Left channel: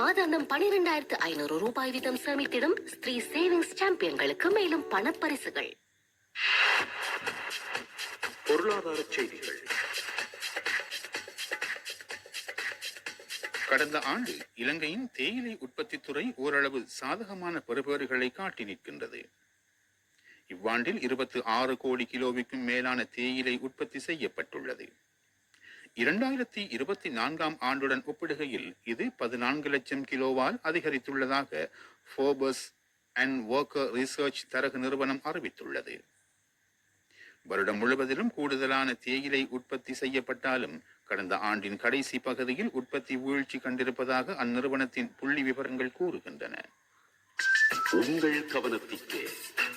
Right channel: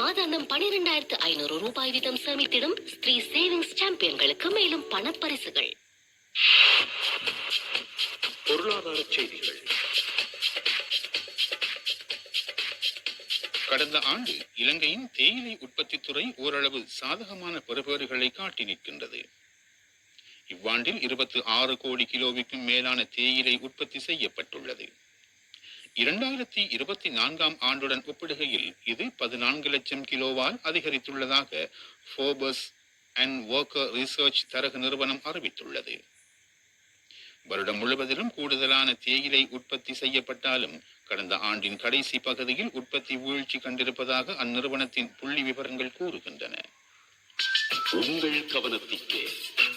மாதாந்தம் 12,500 ரூபாய் வீதம் சேமித்திடும் ஸ்ரீ சேவிங்ஸ் சாம்பியன்களுக்கு மேலும் பணப்பரிசுகள். பொருளாதார செய்திகள். கடந்த ஆண்டு இலங்கையின் தேயிலை உற்பத்தி துறை ஓரளவு சாதகமான பெறுபேறுகளை காட்டி நிற்கின்றது. இவ்வாண்டில் 26 கோடி கிலோவுக்கும் மேலான தேயிலை உற்பத்தி செய்யப்பட்டுள்ளது. 2024ஆம் ஆண்டுடன் ஒப்பிடுகையில் இது 14 லட்சம் கிலோவால் அதிகரித்துள்ளதாக ஃபோர்பஸ் அண்ட் ஒர்க்கர் ரிசர்ச் தரகு நிறுவனம் அறிவித்துள்ளது. வருடம் முழுவதிலும் கூடுதலான தேயிலை உற்பத்தி செய்யப்பட்டாலும் கடந்த ஆண்டின் கடைசி பகுதியில் உற்பத்தி வீழ்ச்சி கண்டிருப்பதாக அந்நிறுவனத்தின் புள்ளி விவரங்கள் கூறுகின்றன. உங்கள் கவனத்திற்கு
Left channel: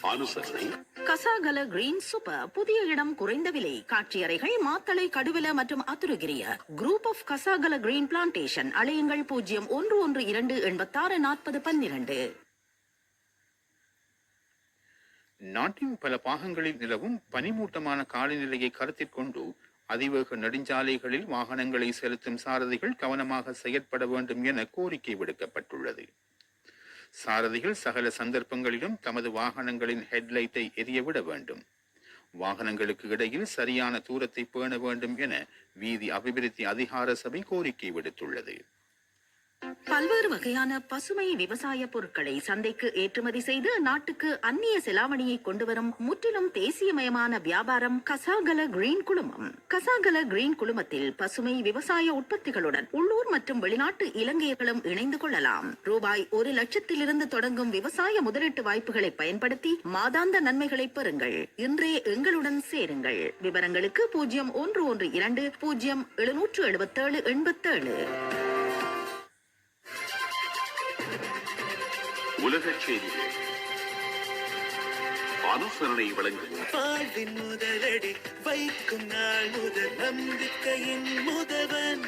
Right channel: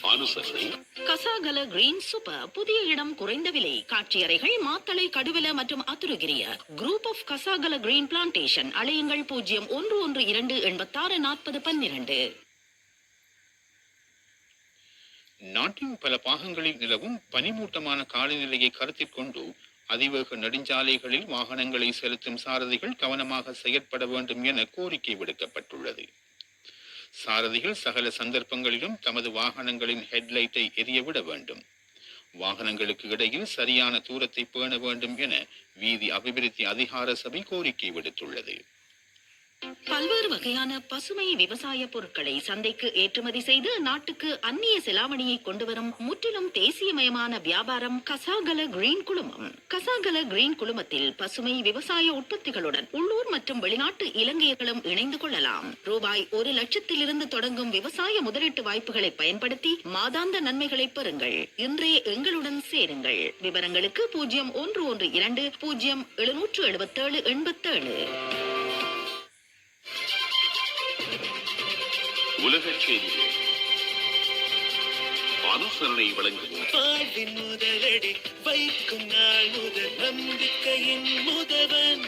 ஆலோசனை. கசாகல கிரீன் சூப்பர் புதிய இடம், குறைந்த விலை, காட்சியறைகள் மாத்தளை, கடுவல மற்றும் Athurugiriya group of Kasagala green plantation. அலையுங்கள் 0112864012. நாட்டின் பல பாகங்களில் நிலவும் பனிமூட்டமான காலநிலையை கருத்தில் கொண்டு அதிவேக நெடுஞ்சாலைகளில் வாகனங்களை செலுத்தும் சாரதிகள் கவனமாக செயற்பட வேண்டும் என கோரிக்கை விடுக்கப்பட்டுள்ளது. சாரதிகள் சகல சந்தர்ப்பங்களிலும் தமது வாகனங்களின் ஹெட்லைட்டை எரியவிட வேண்டும். வாகனங்களுக்கு இடையில் சரியான தூரத்தை பேண வேண்டும் என வீதி அபிவிருத்தி அதிகார சபை கோரிக்கை விடுத்துள்ளது. பல்வேறு வகையான பசுமை விவசாய பொருட்களை சந்தைக்கு ஏற்றுமதி செய்து நாட்டுக்கு அந்நிய செலாவணியை கொண்டு வரும் முற்றிலும் தேசியமயமான வியாபாரம் கசாகல கிரீன் குழுமம். கசாகல கிரீன் குழுமத்தில் பசுமை விவசாய உற்பத்திகளுடன் உள்ளூர் மற்றும் வெளிநாட்டு இலங்கையர்களும் இணைந்து கொள்ளலாம். ரூபாய் 1 லட்சத்திலிருந்து தொடங்கும் விவசாய முதலீட்டு வாய்ப்புகளை பயன்படுத்தி மாதாந்த நன்மைகளை பெறுங்கள். இன்றே எங்களுடன் சேருங்கள். விவரங்களுக்கு 0112077787. உலக செய்திகள். ஆலோசனை வழங்குவோம். வாழ்வின் முதலடி வைக்கும் நாள் முதல் நம்பிக்கையின் முதல்வன்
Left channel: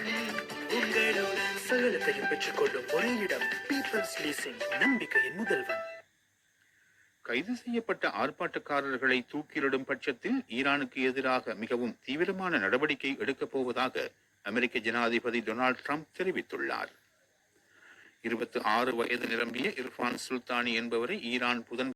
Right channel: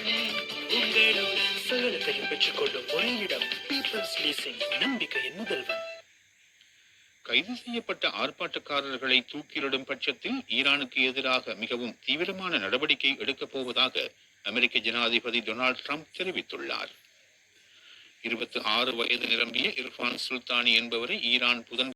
உங்களுடன். சகலத்தையும் பெற்றுக்கொள்ளும் ஒரே இடம் பீப்பிள்ஸ் லீசிங், நம்பிக்கையின் முதல்வன். கைது செய்யப்பட்ட ஆர்ப்பாட்டக்காரர்களை தூக்கிலிடும் பட்சத்தில் ஈரானுக்கு எதிராக மிகவும் தீவிரமான நடவடிக்கை எடுக்கப் போவதாக அமெரிக்க ஜனாதிபதி டொனால்ட் ட்ரம்ப் தெரிவித்துள்ளார். 26 வயது நிரம்பிய இர்ஃபான் சுல்தானி என்பவரை ஈரான்